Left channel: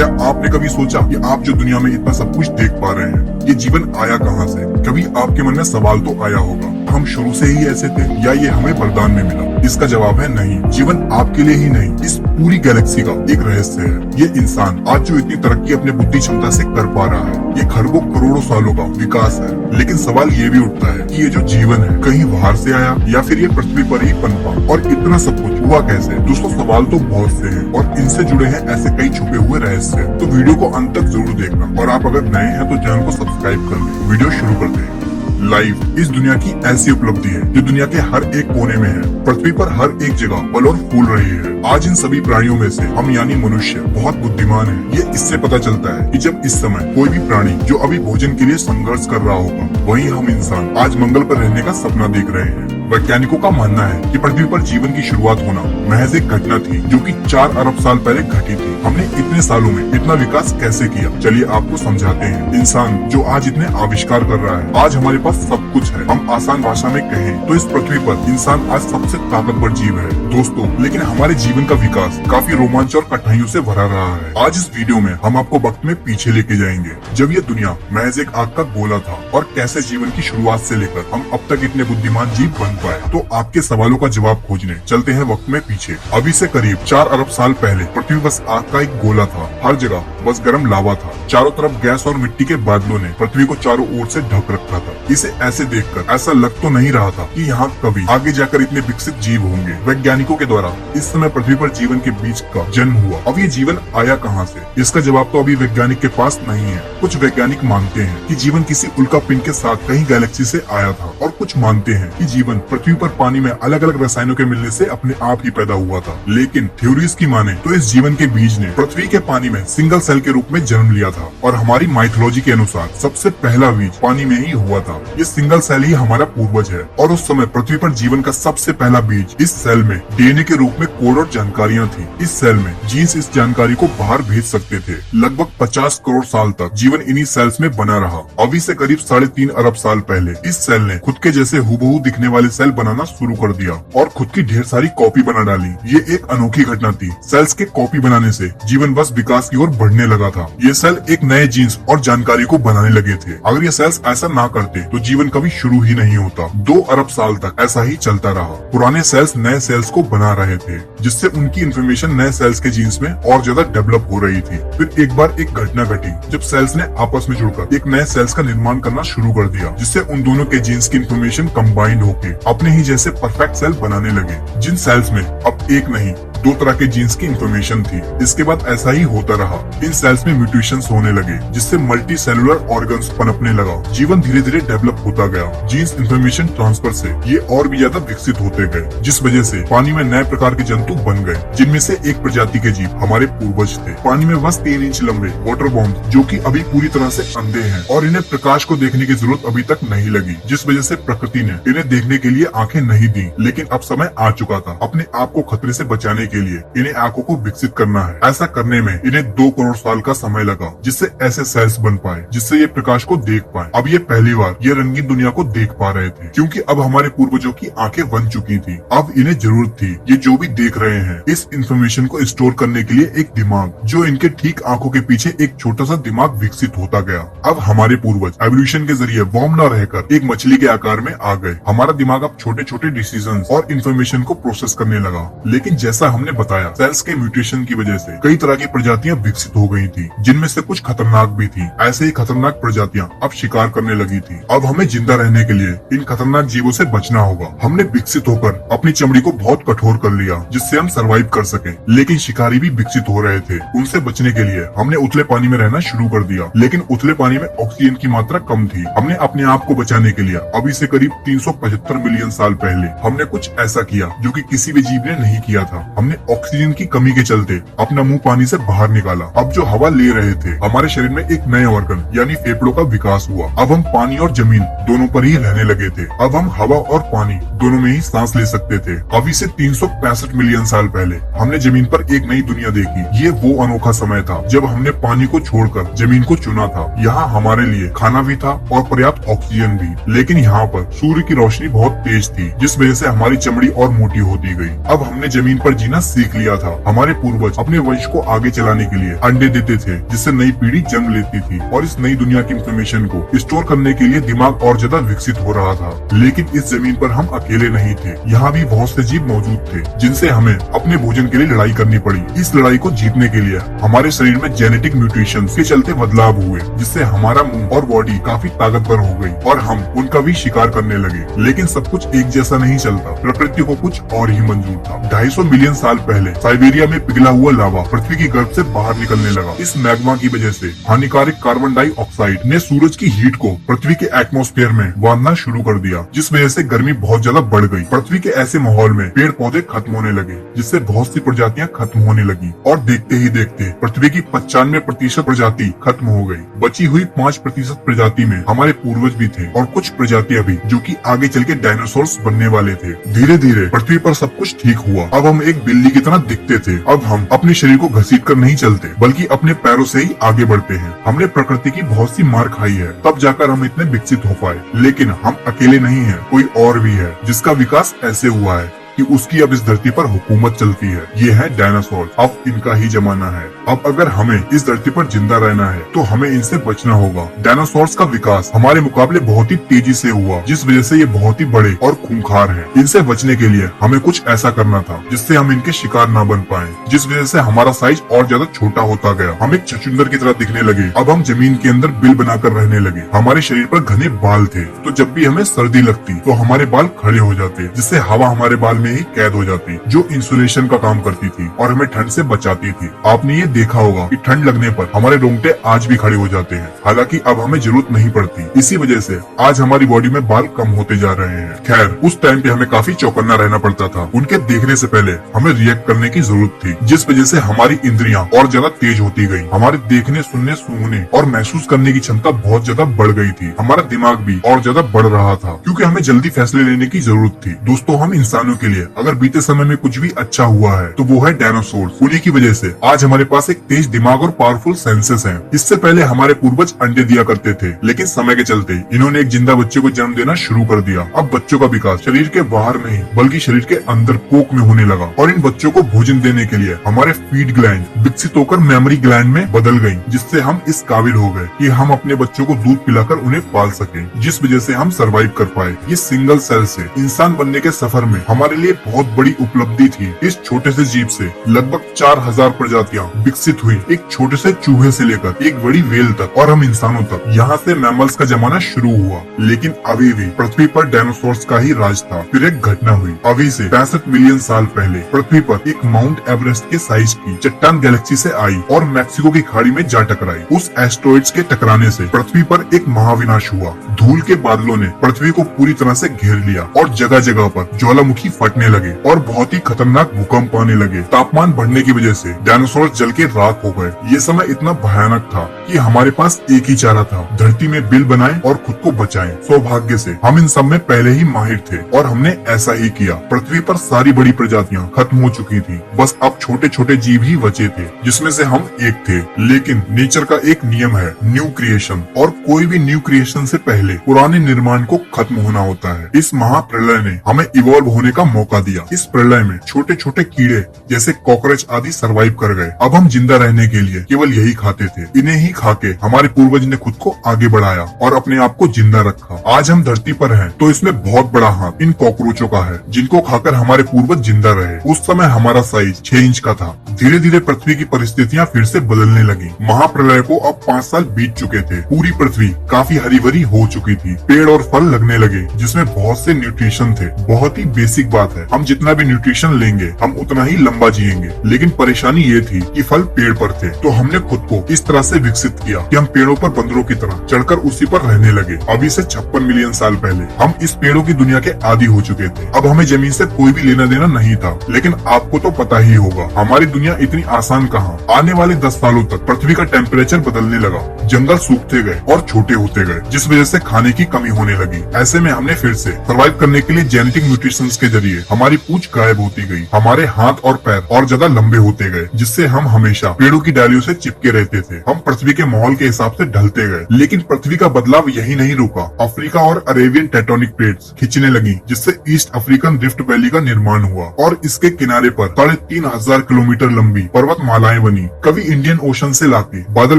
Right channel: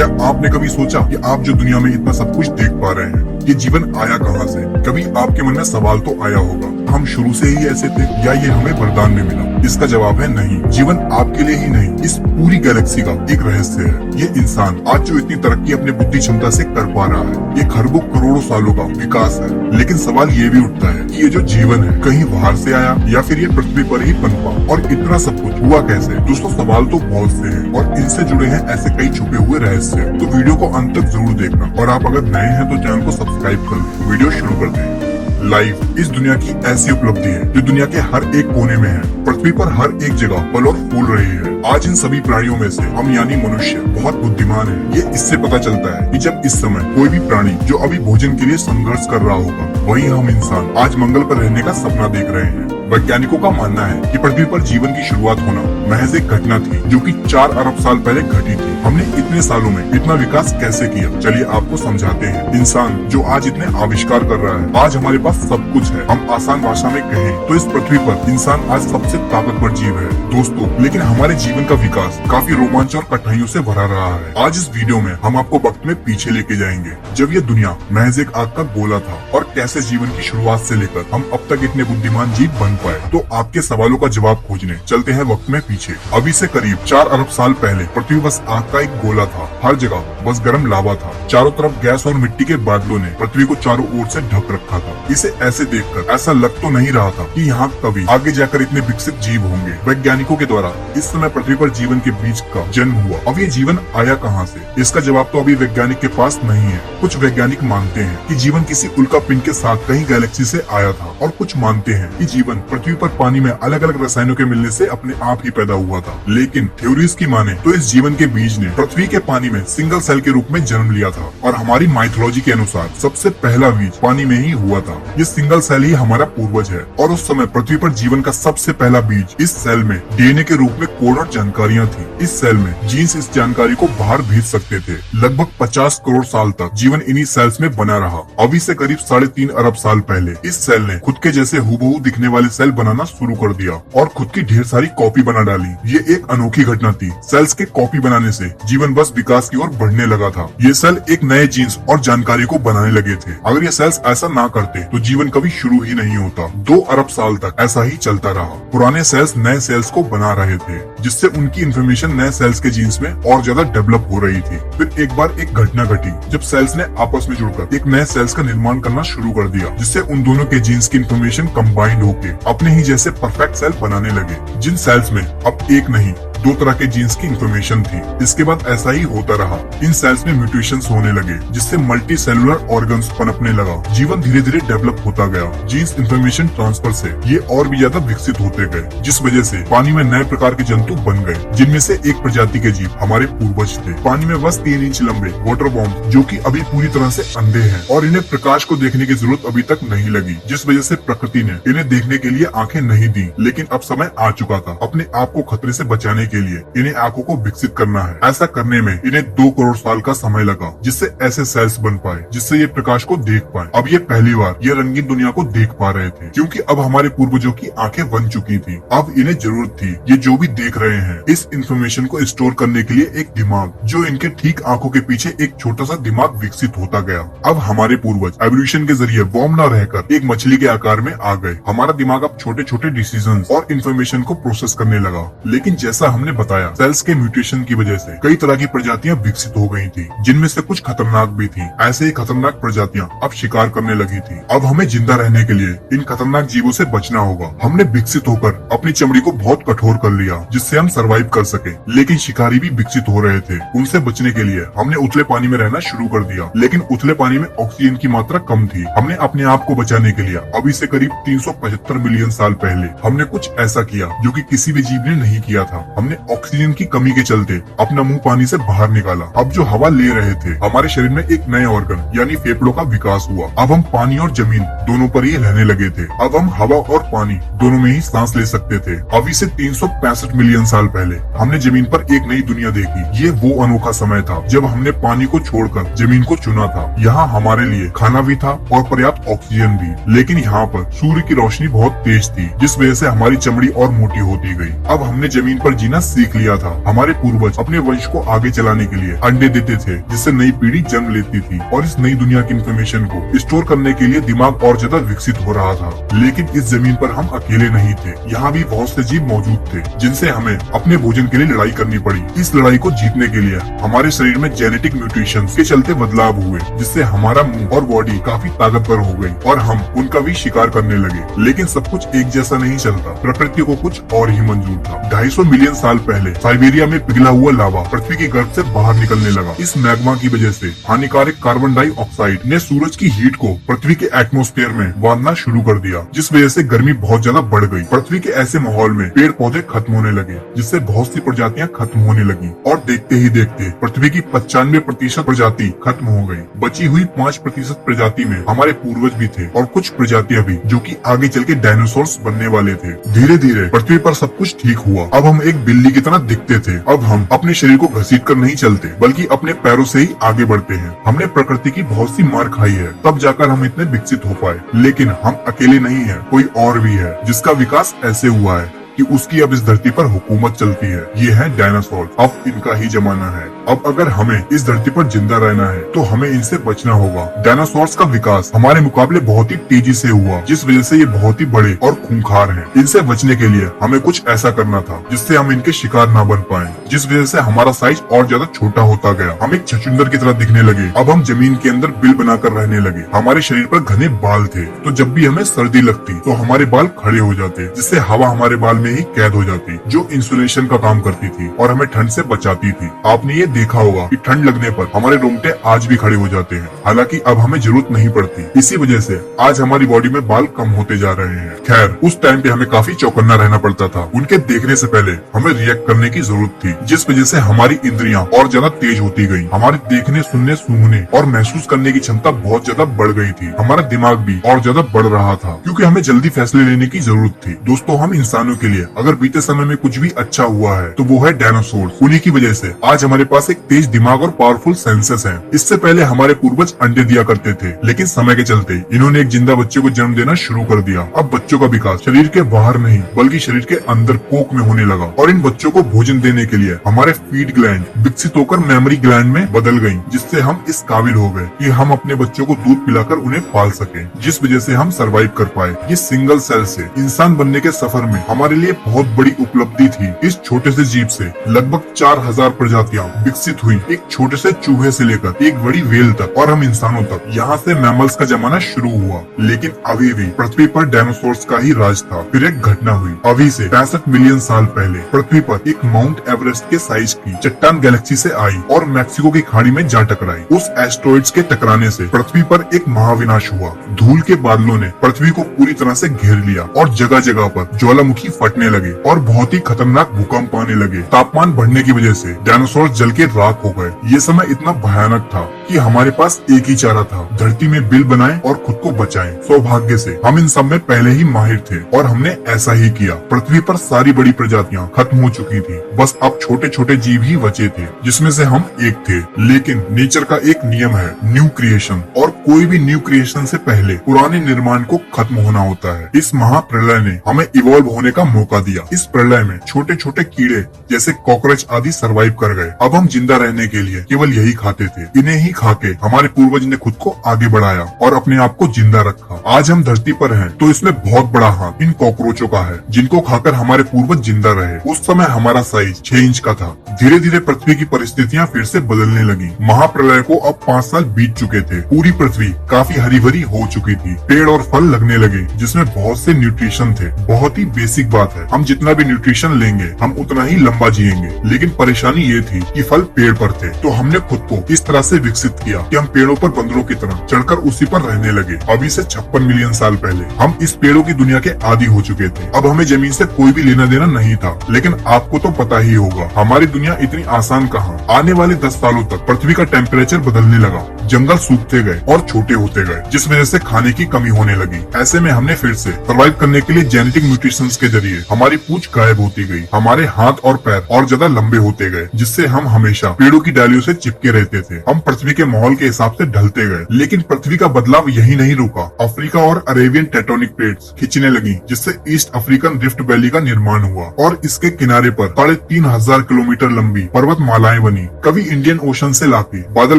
क्या आपने कभी सोचा कि आप जो दुनिया में इतना सब कुछ देख पा रहे हैं, ये जीवन आया कहाँ से? कभी आपके मन में सवाल तो आया होगा, हम शुरू से ही ऐसे थे या ये हमें वरदान में मिला? इसका जवाब है नहीं। जीवन आपके लिए ही नहीं, इस पूरी गैलेक्सी का एक रहस्य है। ये इंसान आज जो इतनी तरक्की अपनी बुद्धि क्षमता से कर पा रहा है, ये खरबों करोड़ों सालों का विकास है। लेकिन सवाल ये भी उठता है कि ये जो जीवन है कहीं बाहर से आया या फिर ये पृथ्वी पर ही पनपा, और इतना सब कुछ हुआ कैसे? दोस्तों, सवाल तो बहुत से हैं और इनसे जुड़े हैं ऐसे कई छुपे हुए रहस्य। तो वीडियो को अंत तक जरूर देखना, और आप अगर नए हैं तो चैनल को सब्सक्राइब कर लें। वीडियो शुरू करते हैं। लाइफ इस दुनिया की ऐसी उपलब्धि है जो दुनिया के हर एक कोने में है। पृथ्वी पर हर एक जगह पल और फूल रही है। आज इन सभी प्राणियों में से हम यानी मनुष्य बहुत बुद्धिमान है। ये इससे पता चलता है कि जब इस समय कोई भी प्राणी जो अभी भोजन के लिए संघर्ष कर रहा होगा, वहीं हम इंसान आज मंगल पर रहने का सपना देख रहे हैं। वैज्ञानिकों का मानना है कि पृथ्वी पर जीवन की शुरुआत होना महज एक घटना थी जो कि 4 अरब साल पहले घटी थी। हमने इतने सालों में इतना विकास कैसे किया? चलिए आपको समझाते हैं। इंसान जो आज इतने आविष्कार कर रहा है, आज हमारे पास सब कुछ है। हम आसान भाषा में कहें तो इस पृथ्वी पर इंसान आज सबसे ताकतवर जीव है दोस्तों। लेकिन हमारे जीवन का विकास काफी रोमांच और कठिनाइयों से भरा रहा है। आज इस वीडियो में हम आपको वक्त में पीछे लेके जाएंगे, जब यह दुनिया महज एक आग का गोला था, और कैसे जीवन की शुरुआत से लेकर हम अब तक इतने बुद्धिमान जीव बन पाए। तो आपके सवालों का जवाब खोजने चलते हैं वक्त में पीछे। अभी से करीब 4 अरब साल पहले पृथ्वी बस आग का एक गोला था। हर जगह बस गर्म लावा था। चारों तरफ गैस और मिट्टी के बादलों ने पृथ्वी को चारों ओर से ढक रखा था। इसे ऐसे देखकर ऐसा लग तो नहीं रहा था कि यहाँ कभी आगे जाकर इतने विकसित जीव होंगे। वैज्ञानिकों के द्वारा इस समय पृथ्वी पर जीवन के बीज का जन्म हुआ। अब ये जीवन आया कहाँ से? इसका जवाब तो अभी वैज्ञानिक के पास नहीं है। कुछ वैज्ञानिक मानते हैं कि जीवन किसी उल्का पिंड के साथ कहीं गैलेक्सी से आया था, और कुछ मानते हैं कि जीवन पृथ्वी पर पानी में अलग अलग रसायनों के मिलने से अपने आप ही पैदा हुआ था। लेकिन थ्योरीज की माने तो इस जीवन के बीज ने पृथ्वी के पानी में सिंगल सेल के रूप में जन्म लिया था, और हमारी माइथोलॉजी के अनुसार सबसे पहला बीज पानी में ही हुआ था। ये सिंगल सेल ही हमारा पूर्वज है, और उस समय पृथ्वी पर जीवन का सबसे पहला बीज इस सेल में डीएनए के रूप में कोड और जानकारियां थी। इस सेल में जीन्स इस जानकारी को बाहर भेज सकते थे। लगभग 50 करोड़ साल तक जीवन इन्हीं सेल्स में बना रहा। अभी से करीब 3.5 अरब साल पहले इस सेल ने खुद के जैसे हूबहू दिखने वाले सेल बनाना शुरू कर दिया और खुद की ढेर सारी कॉपी बना डाली। ये एक अनोखी घटना थी। सेल्स के कॉपी बनाने से जीवन बस विकास की ओर बढ़ने लगा था। ये सेल एक नए जीन्स और जानकारी को बनाने लगे थे। अगर ये सेल्स ऐसा ना करते तो जीवन कभी शुरू ही नहीं होता। 2 अरब साल तक ऐसा ही चलता रहा। पुराने सेल्स नए सेल्स को बना रहे थे, जिससे उनकी इन्फॉर्मेशन नए सेल्स के जीन्स में और ज्यादा डेवलप हो रही थी। फिर एक बार एक घटना घटी जब सेल्स ने आपस में जुड़कर एक नए सेल्स का निर्माण करना शुरू कर दिया, जिससे उन दोनों के जीन्स की इन्फॉर्मेशन कंबाइंड होके अपने ही जैसे परफेक्ट सेल बनाने लगे। जिन सेल्स में अब एक नहीं 2 तरह के जीन्स की इन्फॉर्मेशन थी। इसके बाद ऐसा ही होता रहा। इन सेल्स में म्यूटेशंस होने लगे, जिससे मल्टी सेलुलर ऑर्गन्स पनपने लगा। जीवन धीरे धीरे डेवलप होता गया। जीन्स इन्फॉर्मेशन ट्रांसफर से ये और भी ज्यादा विकसित होते गए, जिस वजह से पानी में नए प्रकार के जंतु बन गए, जिनमें से एक प्रजाति के जीव हमारे पूर्वज थे। पानी में बस 3 इंच लंबे वाटर बॉम्ब, जो कि अभी पूरी तरह से अंधे हैं, और इन्हें प्रकाश को देखने की जरूरत अभी तक नहीं लगी, जिस वजह से प्रकृति ने इन्हें देखने के लिए आंखें नहीं दी। लेकिन अब समय आ चुका था अपने आप को खतरे से बचाने के लिए इन्हें आंखों को विकसित करना है। ऐसा करने में इन्हें 2 करोड़ साल का समय लगा, जिससे ऐसे सेल्स बन पाए जिससे ये प्रकाश को देख पाए। अब ये पहली बार ये रंगीन दुनिया को देख पा रहे थे, क्योंकि अब हमारे पूर्वजों की आंखें बन चुकी थी। अब इन्हें जरूरत थी ये जो भी देख रहे हैं इस इंफॉर्मेशन को स्टोर करने के लिए एक दिमाग, जो इनके ठीक आंखों के पीछे एक छोटा सा दिमाग विकसित होता गया। अब हमारे पूर्वज एवोल्यूशन के जरिए वॉर्म न रहकर एक मछली के आकार में आ गए। हमारा दिमाग अब छोटे छोटे डिसीजन और इन्फॉर्मेशन को प्रोसेस करने लगा। लेकिन जैसा हमने बताया, सेल्स के म्यूटेशन की वजह से कई तरह की प्रजातियां विकसित हो गई थी, जिनमें से कुछ खतरनाक भी थी। ऐसे ही खतरनाक प्रजातियां अब शिकार करने लगी थी। अब हमें जिंदा रहने के लिए इन खतरनाक जीवों से बचना होगा। हमने विकसित होकर अपनी चमड़ी को बहुत कठोर कर लिया, जिससे हम सरवाइव कर सके। लेकिन शिकारी भी विकसित हो रहे थे। उनसे बचने के लिए हमने उतले पानी में रहना शुरू कर दिया। लेकिन उतले पानी में ऑक्सीजन की मात्रा कम थी। हमने अपने आप को बचाने के लिए अभी से करीब 375 मिलियन साल पहले हमने कुछ ऐसा किया जो कि किसी भी जीव ने नहीं किया था। हमने ऑक्सीजन की कमी के चलते अपना मुंह पानी से बाहर निकाला। अब जो हवा ले रहे थे, हमारे शरीर में एक नए ऑर्गन यानी फेफड़ों का विकास हुआ। अब हम पानी और जमीन दोनों पर ही रहने लगे थे। अब हम हवा और पानी दोनों में ही सांस ले सकते थे। अभी से 365 मिलियन साल पहले हमने जमीन पर एक नई दुनिया देखी। ये वो अनोखा समय था जब हमने पानी को छोड़कर जमीन को चुना था। यहाँ हमारे लिए खाना भी था और पर्याप्त ऑक्सीजन भी। लेकिन यहाँ पर सूर्य की रोशनी बहुत तेज थी, जिस वजह से हमारी चमड़ी और मोटी होती गई। अब हमने जमीन पर जीना सीख लिया था। हमारे पूर्वज अपने वंश को आगे चलाने के लिए अंडे देते थे, जिससे नई पीढ़ी जन्म लेती थी और इस नई दुनिया की इंफॉर्मेशन को स्टोर करने के लिए दिमाग और ज्यादा विकसित हो रहा था। लेकिन इस जमीन पर हम अकेले नहीं थे, यहाँ भी बहुत से जीव मौजूद थे जिनसे हमें अपने भोजन के लिए लड़ाई करनी पड़ी। इस लड़ाई को जीतने के लिए हमारे शरीर में जेनेटिक म्यूटेशन के चलते बदलाव हुए, जिससे हमारा मुंह और बॉडी काफी ताकतवर हो गई और हम उनका भी शिकार करने लगे। लेकिन सब कुछ एक जैसा नहीं चलता, प्रकृति को कुछ और ही मंजूर था। 250 मिलियन साल पहले साइबेरिया में पिघला हुआ लावा पृथ्वी की गर्भ से बाहर निकलने लगा। इस मैग्मा की वजह से हानिकारक कार्बन डाइऑक्साइड ने सूरज की हीट को पृथ्वी के एटमॉस्फेयर में बांधना शुरू कर दिया, जिस वजह से गर्मी बहुत ज्यादा बढ़ गई। पृथ्वी के ऐसे माहौल में पेड़ पौधे खत्म होने लगे, जिससे बहुत सी प्रजातियां खत्म होने लगी और देखते ही देखते पृथ्वी की 95% प्रजाति खत्म हो गई। बची हुई 5% प्रजाति में हमारे पूर्वज भी थे और कुछ प्रजातियां भी, जो कि आगे चल के डायनासोर्स बनने वाले थे। धीरे धीरे पृथ्वी पर सब कुछ ठीक हुआ। अब हम एक बिल्ली की तरह दिखते थे। अब हम अपने शरीर को घसीट कर नहीं चलते, बल्कि अपने पैरों से ही आगे बढ़ते हैं। हमने प्रकृति की बहुत सी मार खाई है, तब जाकर हम इतने विकसित हो पाए। लेकिन हम अकेले नहीं हैं, कोई और भी है जिसका विकास ऐसे हुआ है कि उसकी अब इस धरती पर हुकूमत चलती है। ये है डायनासोर। अब इनका ही जमाना है। अब अगर हमें इस धरती पर जिंदा रहना है तो हमें इनसे बचना होगा। डायनासोर्स का विकास हमारे मुकाबले बहुत ही तेजी से हुआ, जिस वजह से ये बहुत ही बड़े और खूंखार हैं। इनसे बचने के लिए हमें कुछ ऐसा करना था जिससे हम इनके शिकार न बन पाए, जिस वजह से हमारा साइज और ज्यादा छोटा होता गया। हम एक छछूंदर की तरह दिखने लगे। अब हम जमीन के अंदर बिल बनाकर रहने लगे। हमारे शरीर पर घने बाल थे, तो जब भी हमें सर्दी लगती तो हमारे बाल खड़े हो जाते, जिससे हवा हमारे बाल में ही कैद हो जाती, जो इंसुलेशन का काम करती थी और हमें ठंड से बचाती थी। आपने ये देखा होगा कि ठंड लगने पर हमारे रोंगटे आज भी खड़े हो जाते हैं, हालांकि अब हमें जरूरत नहीं पड़ती। इसी वजह से आज हमारी बॉडी में बाल कम होते जा रहे हैं। खैर, उस टाइम पे हमें काफी चौकन्ना रहना पड़ता था। उनके देखने से पहले हमें रिएक्ट करने की जरूरत थी, जिस वजह से हमारी इंद्रियां और ज्यादा तेज होती गई। हमारे देखने, सुनने, सूंघने और महसूस करने की क्षमता बहुत ज्यादा बढ़ गई थी। हमारा दिमाग भी और ज्यादा बढ़ रहा था, क्योंकि हमें जल्दी फैसले लेने की जरूरत थी। दोस्तों, हम इंसानों के लिए अगर बीते समय में कुछ भी अच्छा हुआ है तो वो है डायनासोर। उन्हीं की वजह से आज हमारे पास एक तेज दिमाग और पावरफुल सेंसेस हैं। इससे पहले हमारे पूर्वज अंडे दिया करते थे, लेकिन समय के चलते इन्होंने एक जिंदा बच्चे को जन्म देना शुरू कर दिया। अब बच्चों का विकास शरीर के बाहर नहीं बल्कि शरीर के अंदर कोख में होने लगा और इन बच्चों को भोजन देने के लिए हमारे फीड ग्लैंड विकसित होकर मेमोरी ग्लैंड में बदल गयी, जिससे हम इस काबिल हो गए कि हम अपने बच्चों को दूध पिलाकर उन्हें पाल सके, जिस वजह से हम सरवाइव कर पाए। इस सिंगल सेल से इंसान बनने के सफर में हमारे लिए बहुत बड़ी उपलब्धि थी। इस छोटे से जीव से लगभग 4000 प्रजातियां विकसित हुई, एक छोटे से चूहे से लेकर एक बड़ी व्हेल तक और हम इंसानों तक। यहाँ से मैमल्स का जमाना शुरू हुआ, लेकिन अभी भी पृथ्वी पर डायनासोर्स का ही राज था। फिर एक घटना हुई। अभी से 65 मिलियन साल पहले पृथ्वी पर एक माउंट एवरेस्ट के साइज की चट्टान गैलेक्सी से आई और मैक्सिको की खाड़ी में जा टकराई। उस एस्टेरॉइड्स के टकराने से पृथ्वी पर एक महाविनाश हुआ। धूल के बादलों ने पृथ्वी को पूरी तरह से घेर लिया और जगह जगह पर ज्वालामुखी फटने लगे और बहुत ही खतरनाक भूकंप आने लगे। तापमान बढ़ने की वजह से डायनासोर जल के राख हो गए। ये समय इतना भयानक था कि हमारे पास एक ही चारा था, धरती में बिल बनाए और खुद को बचाएं। सौभाग्य से हम इन सब में पहले ही माहिर थे और हमने ऐसा ही किया। पृथ्वी पर सारी बड़ी प्रजातियां खत्म हो चुकी थी, बस अब छोटे छोटे जीव ही बचे थे, जिसमें से हम एक थे। लेकिन नेचर का एक नियम है, न्यू क्रिएशन, और कोई भी न्यू क्रिएशन से पहले पुराने निर्माण को खत्म होना होता है। इस महाप्रलय ने हमें इवॉल्व होने का मौका दिया। इस प्रलय में छोटे छोटे कीड़े जैसे कॉकरोच आदि सरवाइव कर गए। अब हम जिंदा रहने के लिए केवल यही खाते थे। इन्हें ही खाके हमारे पूर्वज ने खुद को आगे बढ़ाया और अपने आप को जिंदा रखा। आज हम धरती पर हैं, तो इसमें बहुत बड़ा हाथ इन कॉकरोचों का है, जिनको खाकर हमारे पूर्वज जिंदा रहे। उस समय हमारा साइज 6 इंच का था। धीरे धीरे पृथ्वी की परिस्थितियाँ फिर से बदलने लगी। महाप्रलय को अब 5 साल बीत चुके थे। पूरी पृथ्वी काफी हरी भरी हो चुकी थी। पेड़ और फल लगने लगे, जिसमें बहुत से न्यूट्रिशन थे। बहुत ही बेसिक बात है, हम जितना भी न्यूट्रिशन लेंगे हम उतना ही लंबा जिएंगे। लेकिन परेशानी ये थी कि फल पेड़ पर थे, तो हमने खुद को इस तरह से विकसित किया कि हम पेड़ों पर बंदरों की तरह चढ़कर उसी पर रहने लगे। अभी से 56 मिलियन साल पहले हम इस पेड़ों की दुनिया के आदी हो चुके थे। अब हमें जमीन से कोई भी लेना देना नहीं था। लेकिन आपको तो पता ही होगा, हमारी दुनिया इतनी आसान कहाँ। आने वाले 10 सालों तक पृथ्वी का टेम्परेचर बदलने लगा, जंगल सूखते गए और छोटे होते गए, जिस वजह से खाने की कमी होने लगी। ऐसे में हमने फिर से सर्वाइव करने के लिए जेनेटिक म्यूटेशंस के जरिए हमारी पूंछ गायब होती गई, हमारे हाथ और पैर और ज्यादा लंबे होते गए, जिससे हम हमेशा पेड़ों की डालियों से चिपके रहते थे। हम पृथ्वी के माहौल के हिसाब से ढलते गए, लेकिन पृथ्वी का बदलाव यही नहीं रुका। अफ्रीका और अरेबियन टेक्टोनिक प्लेट्स खिंचने लगी, जिससे ईस्ट अफ्रीकन रिफ्ट वैली का निर्माण हुआ और इसके किनारे पर 3,500 किलोमीटर लंबी पर्वतमालाएं बनी। कभी इंडियन ओशन से लाती बादल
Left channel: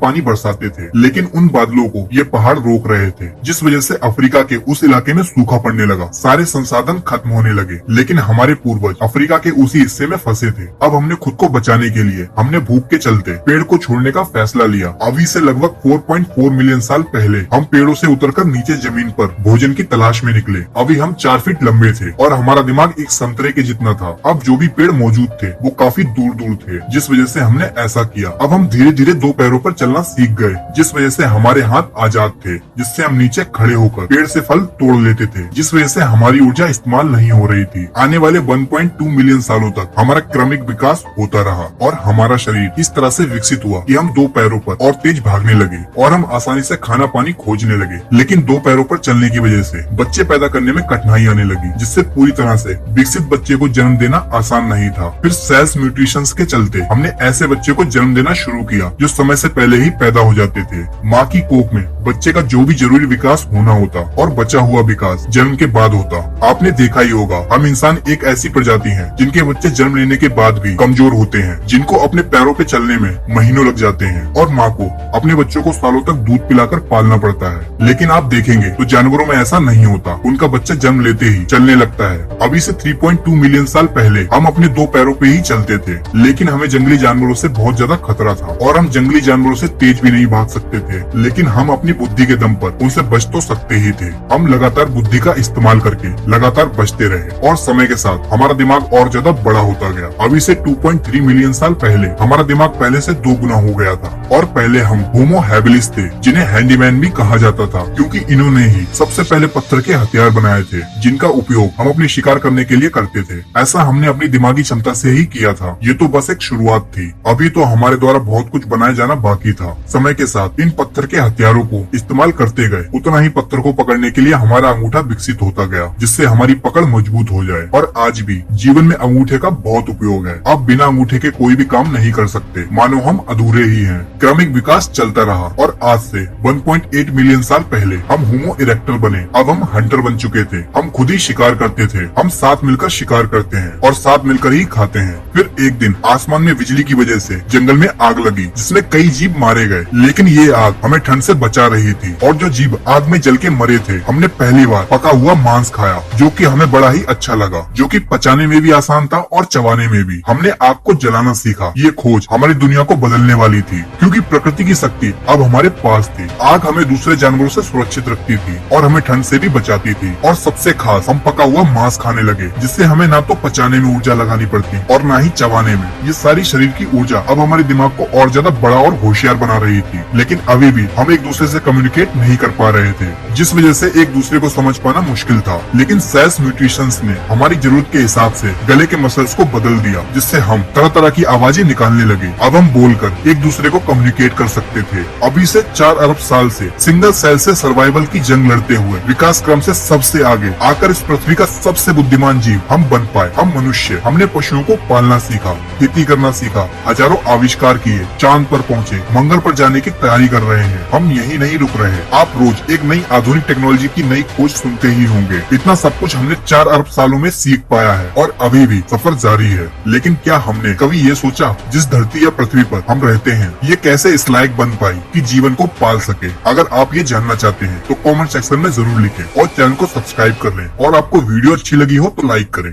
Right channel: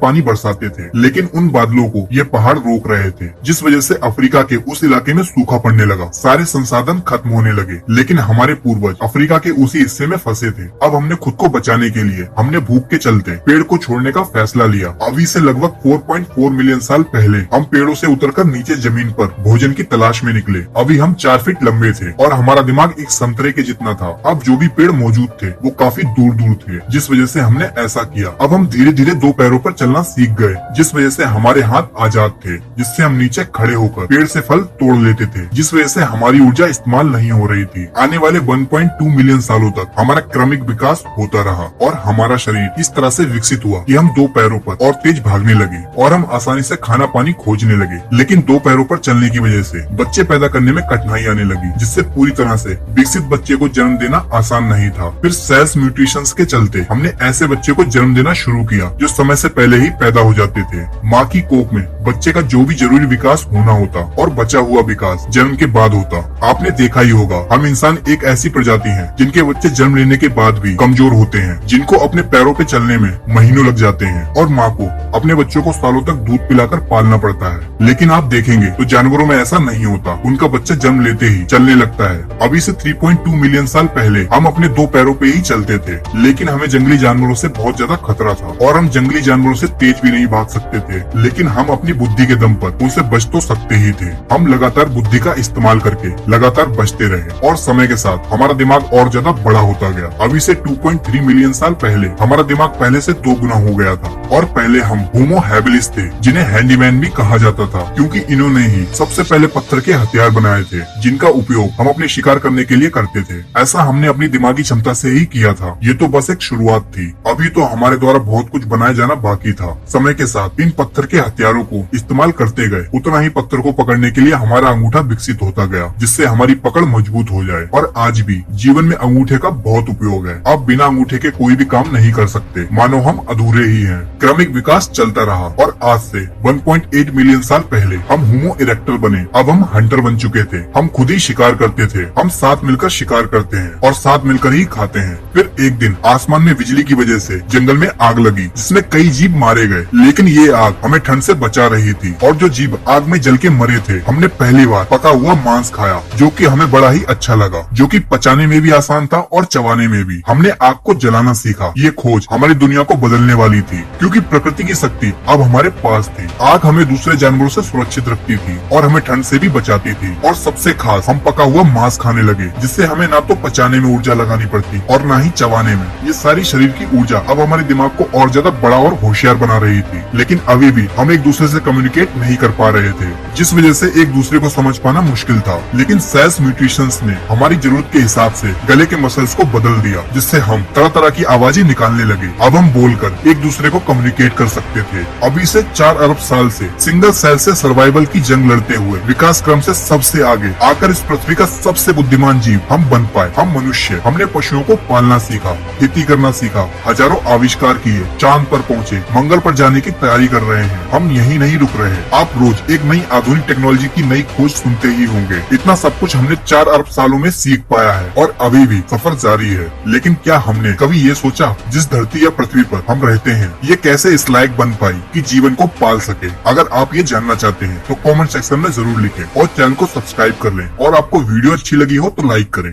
पानी बरसाते थे, लेकिन उन बादलों को ये पहाड़ रोक रहे थे, जिस वजह से अफ्रीका के उस इलाके में सूखा पड़ने लगा, सारे संसाधन खत्म होने लगे। लेकिन हमारे पूर्वज अफ्रीका के उसी हिस्से में फंसे थे। अब हमने खुद को बचाने के लिए हमने भूख के चलते पेड़ को छोड़ने का फैसला लिया। अभी से लगभग 4.4 मिलियन साल पहले हम पेड़ों से उतरकर नीचे जमीन पर भोजन की तलाश में निकले। अभी हम 4 फीट लंबे थे और हमारा दिमाग एक संतरे के जितना था। अब जो भी पेड़ मौजूद थे वो काफी दूर दूर थे, जिस वजह से हमने ऐसा किया। अब हम धीरे धीरे 2 पैरों पर चलना सीख गए, जिस वजह से हमारे हाथ आजाद थे, जिससे हम नीचे खड़े होकर पेड़ से फल तोड़ लेते थे, जिस वजह से हमारी ऊर्जा इस्तेमाल नहीं हो रही थी। आने वाले 1.2 मिलियन सालों तक हमारा क्रमिक विकास होता रहा और हमारा शरीर इस तरह से विकसित हुआ कि हम 2 पैरों पर और तेज भागने लगे और हम आसानी से खाना पानी खोजने लगे। लेकिन 2 पैरों पर चलने की वजह से बच्चे पैदा करने में कठिनाई आने लगी, जिससे पूरी तरह से विकसित बच्चे को जन्म देना आसान नहीं था। फिर सेल्स म्यूटेशंस के चलते हमने ऐसे बच्चे को जन्म देना शुरू किया जो समय से पहले ही पैदा हो जाते थे। माँ की कोख में बच्चे का जो भी जरूरी विकास होना होता और बचा हुआ विकास जन्म के बाद होता। आपने देखा ही होगा, हम इंसान एक ऐसी प्रजाति हैं जिनके बच्चे जन्म लेने के बाद भी कमजोर होते हैं, जिनको अपने पैरों पे चलने में महीनों लग जाते हैं और माँ को अपने बच्चों को सालों तक दूध पिलाकर पालना पड़ता है। लेकिन आप देखेंगे तो जानवरों में ऐसा नहीं होता, उनका बच्चा जन्म लेते ही चलने लगता है। अभी से 3.2 मिलियन साल पहले हम अपने 2 पैरों पे ही चलते थे, लेकिन हमें जंगली जानवरों से बहुत ज्यादा खतरा था और हम जंगली जानवरों से तेज भी नहीं भाग सकते थे। लेकिन हम अपनी बुद्धि के दम पर उनसे बच तो सकते ही थे। हम लगातार बुद्धि का इस्तेमाल करके लगातार बचते रहे और समय के साथ हमारा दिमाग और ज्यादा बड़ा होता गया। अभी से 2.3 मिलियन साल पहले हमारा दिमाग पहले से 2 गुना हो गया था और पहले हम होमो हैबिलिस थे, जिन्हें हैंडीमैन भी कहा जाता था, क्योंकि इन्होंने ही सबसे पहले पत्थर के हथियार बनाए थे, जिनका उपयोग हम अपने शिकार करने के लिए करते थे। ऐसा हमने अपनी दिमागी क्षमता से ही किया था। ये तो बस एक शुरुआत थी, अभी तो हमारे द्वारा बहुत कुछ बनाया जाना बाकी था। समय के साथ इन पत्थर के हथियारों को इस्तेमाल करते गए, उतना ही पत्थर को पकड़ने के लिए हमारा अंगूठा विकसित होता गया, जिससे हमारी पकड़ मजबूत हो जाए। और आज भी जीवन में अंगूठे का बहुत उपयोग है। अब बिना अंगूठे के कोई भी काम नहीं कर सकते, मानो हम अधूरे ही हैं। क्रमिक विकास चलता रहा और आज से 1.8 मिलियन साल पहले हम होमो इरेक्टर बने। अब हम हंटर बन चुके थे। हम खुद ही शिकार करते थे। हम साथ मिलकर शिकार करते हैं और साथ मिलकर ही खाते हैं। फिर एक दिन आसमान में बिजली की वजह से जंगल में आग लगी, जिसमें कई जीव मारे गए, लेकिन ये आग हमें ठंड से बचा रही थी। और जो जीव आग में जल के मरे थे, हमने पहली बार पका हुआ मांस खाया, जो कि हमें बड़ा ही अच्छा लगा, जो कि पचाने में भी आसान था और चबाने में भी। हमने आग को जलाना सीखा। ये खोज हमारी दुनिया को बदलने वाली थी, क्योंकि प्रकृति की शक्ति अब हमारे पास थी। आग हमें दूसरे जानवरों से सुरक्षित रखती थी और हमें ठंड से भी बचाती थी। और सबसे खास, हम पका हुआ मांस खाने लगे, जिससे हमें ना तो पचाने में ऊर्जा लगानी पड़ती और ना ही चबाने में। ये सारी शरीर की ऊर्जा अब हमारे दिमाग को और ज्यादा बड़ा और होशियार बना रही थी। लेकिन अभी भी हम एक दूसरे से कम्युनिकेट नहीं कर पा रहे थे, जिस वजह से एक दूसरे को समझ पाना मुश्किल था। लेकिन सेल्स म्यूटेशंस ने हमारी जरूरत के हिसाब से गले के मसल्स को बदल दिया, जिससे हम तरह तरह की आवाजें निकालने लगे। अब हम बोलकर एक दूसरे को कम्युनिकेट कर सकते थे। अभी से 4 अरब साल से सिंगल सेल से सर्वाइवल की जंग लड़ते हुए विकास क्रम से सबसे आगे आकर इस पृथ्वी का सबसे बुद्धिमान जीव हम बन पाए। हम मनुष्य, हमने पशुओं को पालना सीखा, खेती करना सीखा, हजारों आविष्कार किए, चांद पर पहुँचे, मंगल पर जाने की तैयारी कर रहे हैं। हम यही नहीं रुक रहे। आप रोज एक नई आधुनिक टेक्नोलॉजी की नई खोज सुनते ही होंगे। इतना सब कुछ हमने 4 अरब सालों में सीख पाया है और अभी भी सफर जारी है। लेकिन क्या हमने कभी ये सोचा, जिस धरती या पृथ्वी पर हम रहते हैं, ये कैसे इस लायक बन पाई कि जीवन को पाल सके? अगर आप ये जानना चाहते हैं तो कमेंट सेक्शन में जरूर लिखें और चैनल को सब्सक्राइब कर लें। और आपको वीडियो अच्छी लगी हो तो लाइक करें।